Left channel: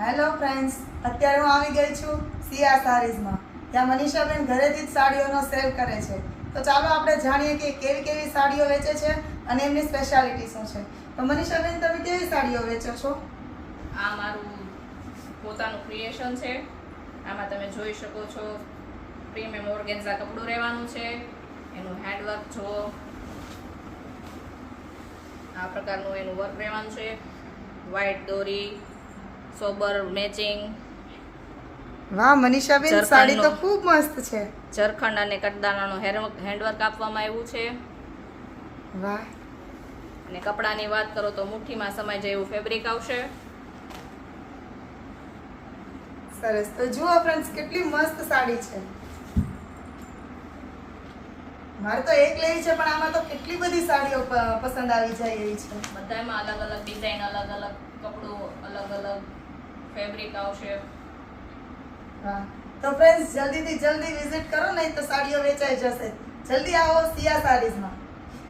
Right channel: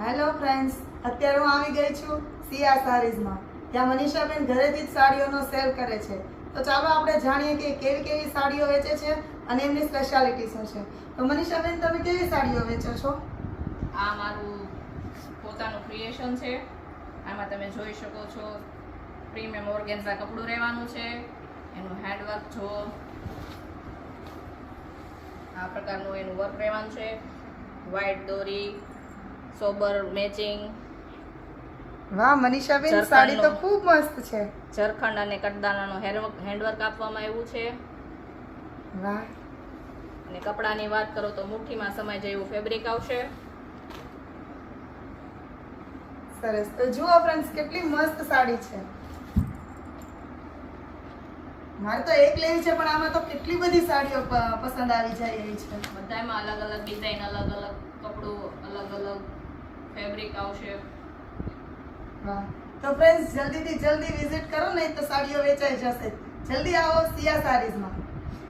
Hello friends, અત્યારે હું આવી ગઈ છું સિયા સારીઝમાં. ત્યાં મનીષાબેન ઘરેથી જ સાડીઓનો સેલ કરે છે. તો ચાલો આપણે જાણીએ કે કેવી કેવી સાડીઓ વેચે છે અને એમની સ્પેશિયાલિટી શું છે. તો મનીષાબેન, તમે કેવી સાડીઓ વેચો છો? આ મારું પોતાનું ક્રિએશન છે. આમાં તમે જોઈ શકો છો પ્રીમિયમ ઓર્ગેન્ઝા કપડું રહેવાનું છે. એનું હેન્ડવર્ક જો આ પ્રકારનું એનું વર્ક રહેવાનું છે. વ્હાઇટ દોરી, સોબર મેચિંગ, વાહ મનીષાબેન, સાડી તો ખૂબ મસ્ત છે. ઝરખંડ અને કટદાણાનું હેન્ડવર્ક આપવામાં આવ્યું છે. વાહ. અને કપડાની વાત કરો તો મુઠ્ઠીમાં સમાય જાય એવું ફેબ્રિક આવશે. સરસ. તો જુઓ ફ્રેન્ડ્સ, કેટલી મસ્ત સાડી છે. મારે તો એક લેવી છે, પણ આમાં તો કેટલી બધી સાડીઓ પસંદ આવી જાય એવી છે. બધામાં અલગ અલગ ડિઝાઇન, અલગ અલગ કપડું, અલગ અલગ ફેબ્રિક આવશે. હા, તો ફ્રેન્ડ્સ જલ્દીથી જલ્દી વિઝિટ કરો, નહીં તો સાડીઓ વેચાઈ જશે. જલ્દી આવો સિયા સારીઝમાં.